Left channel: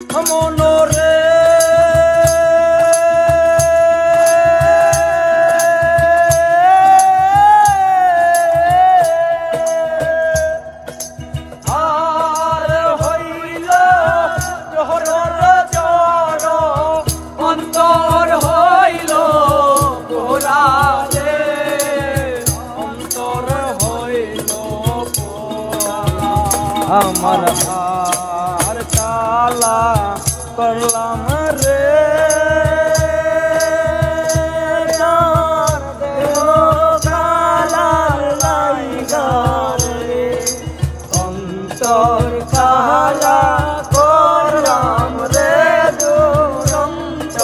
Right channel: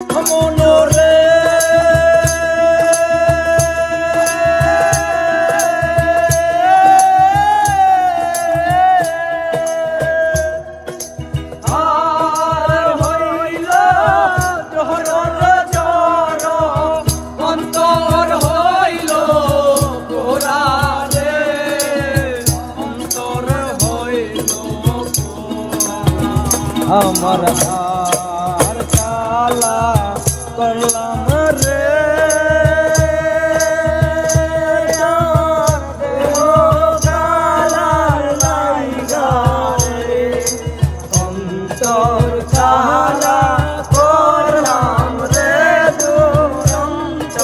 মনরে আর হইল তোহর জ্বর অন্তর হইল পোড়া রে অন্তর হইল পোড়া আমার হার কালা করলাম রে অন্তর কালা করলাম রে দুরন্ত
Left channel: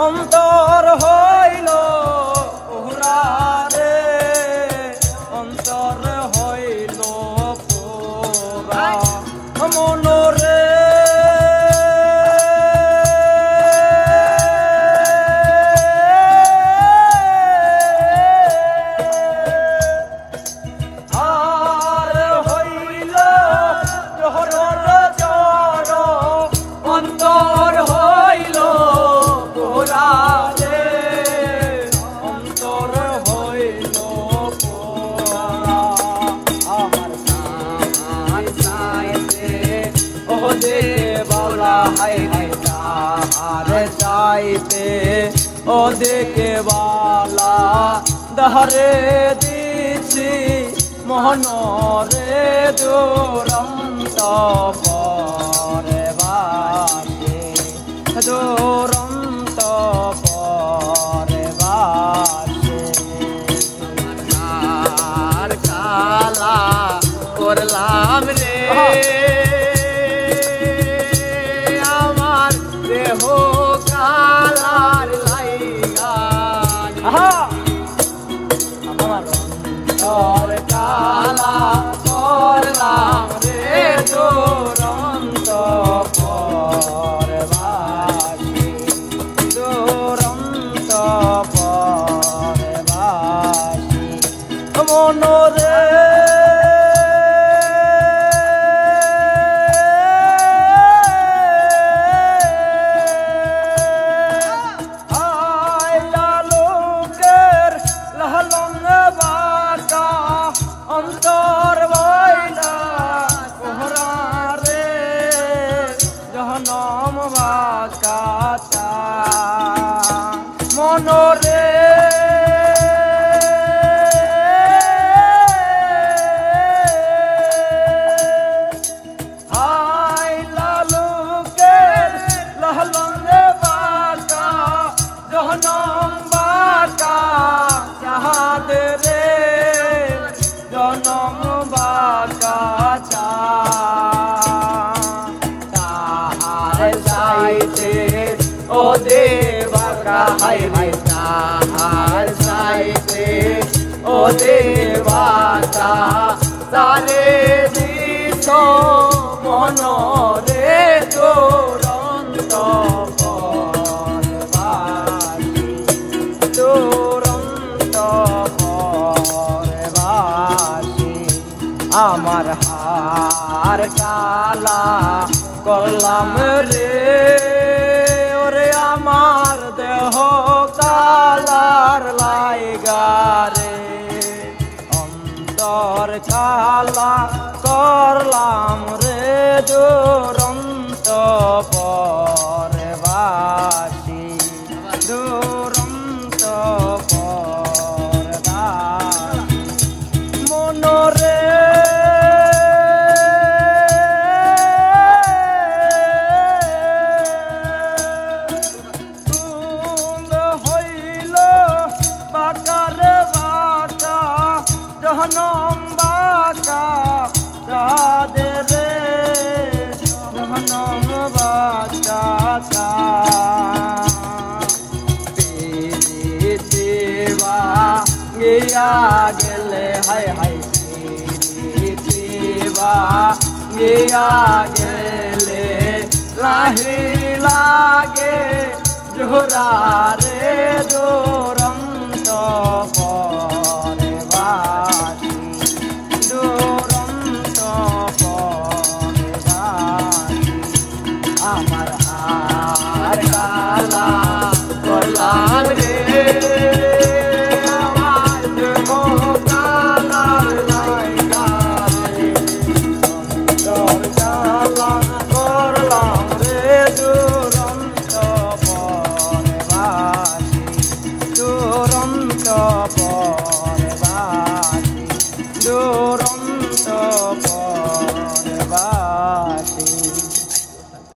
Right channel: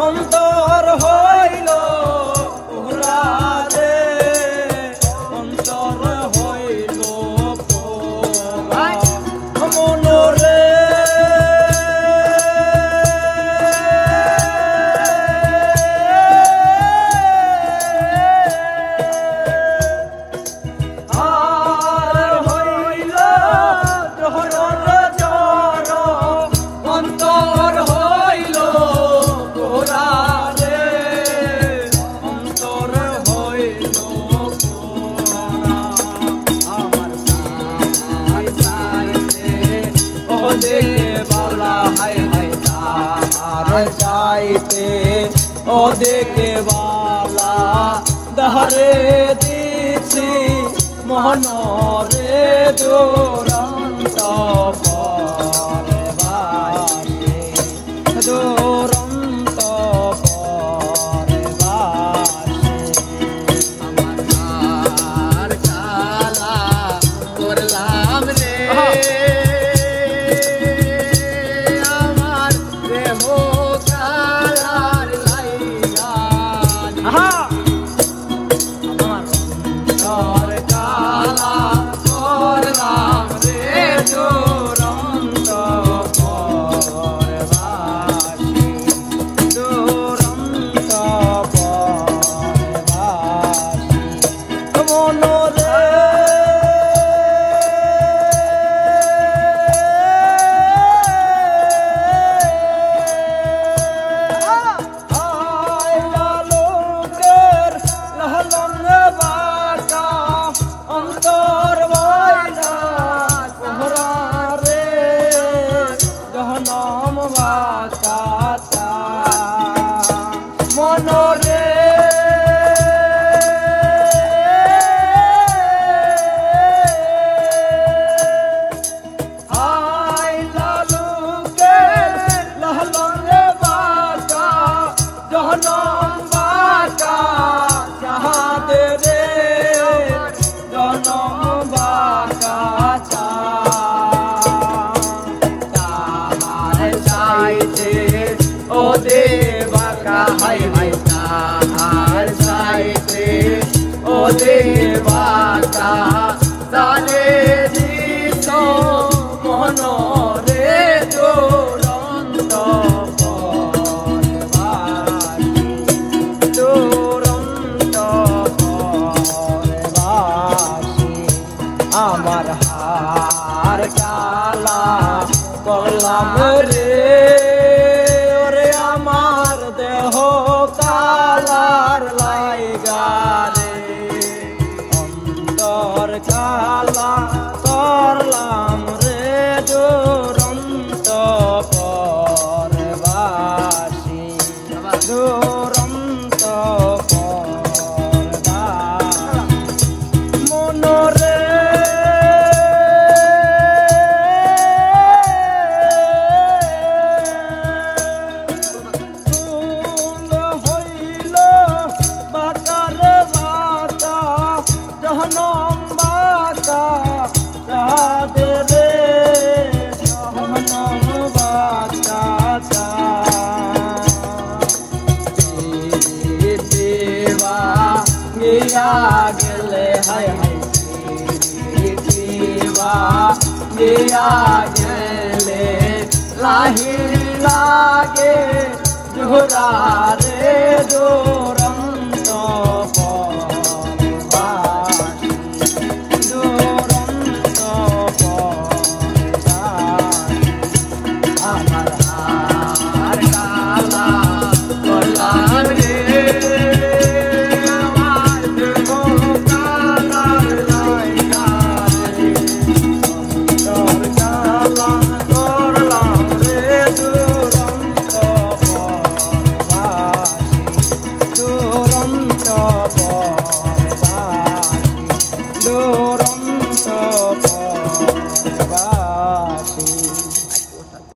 অন্তর হইল পোড়া রে অন্তর হইল পোড়া মনরে আর হইল তোহর জ্বর অন্তর হইল পোড়া রে অন্তর হইল পোড়া আমার সাই সাইতে ওদে পোড়া হাই হাই তাহারে চাইতে ওদে কেবালা দহরে দিছি মোহনরে দুরন্ত পরে বাসে দুরন্ত পরে বাসে আমার হার কালা করলাম রে আমার দেহ কালার লাইগা আমার অন্তর কালা করলাম রে দুরন্ত পরে বাসে দুরন্ত পরে বাসে মনরে অন্তর বইলা পোহরা রে জহনম বাকাতা মনরে আই লালুকের লহলন বাকা জহনম বাকা চাহাদ রে জনম বাকা তাহার চাইতে ও দে বাকা হাই হাই তাহার চাইতে ও দে বাকা তালে দিত মনরে দুরন্ত আমার হার কালা করলাম রে ওরে আমার দেহ কালার লাইগা রে অন্তর কালা করলাম রে দুরন্ত পরে বাসি দুরন্ত পরে বাসি মনরে গিয়া গেলে হায় হায় বা গিয়া গেলে লাহি লাগে জোহরা রে দুরন্ত পরবাসী দুরন্ত পরবাসী আমার